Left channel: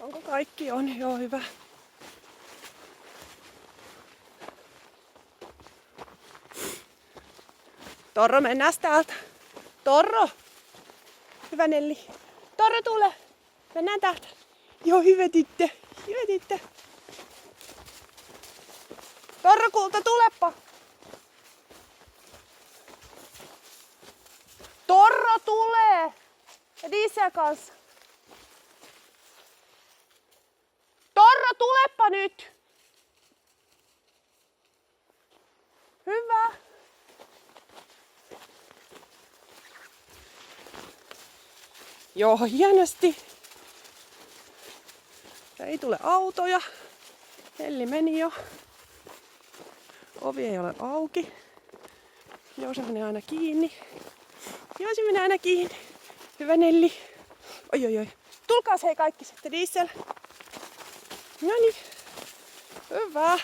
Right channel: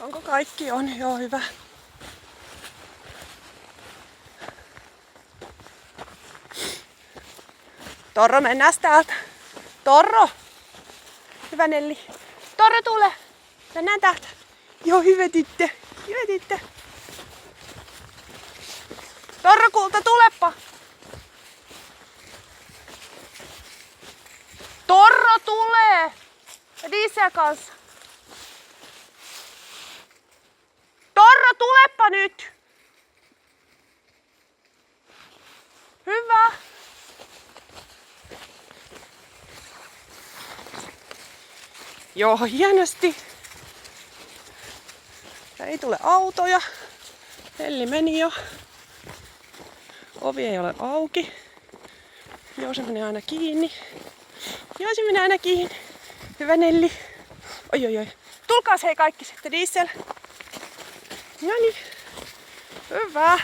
Onko kaikki? On, joo, hyvä. Torro, mennään täältä. Torro! Hyvä Nelli. Torro, tule! Mennään täältä. Joo, hyvä tyttö. Hyvä tyttö. Torro, kulta, tulepa! Torro tulee! Ja Diesel kanssa. Torro, tulepa nyt! Hyvä! Joo, hienosti. Ei tule autoja. Nelli meni jo. Ovi ei ole auki. Joo, se menee aina kiinni. Joo, se menee aina kiinni. Hyvä Nelli. Oi, oi, oi. Tulkaas hei kaikki sitten, Diesel. Noniin. Hyvä.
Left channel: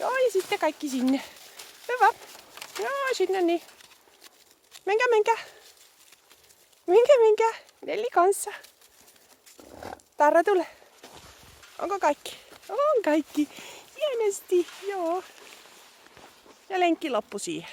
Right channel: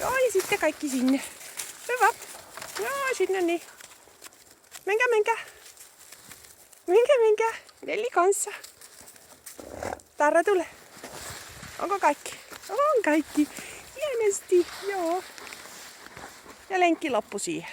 Joo, ja sitten kaikki sinne. Hyvä. Joo, sinne niin. Menkää, menkää. Menkää, menkää. Nelli kanssa. Tarra, tule. Onko kaikki? On kaikki. Hienosti, joo. Ja lenkki loppu siihen.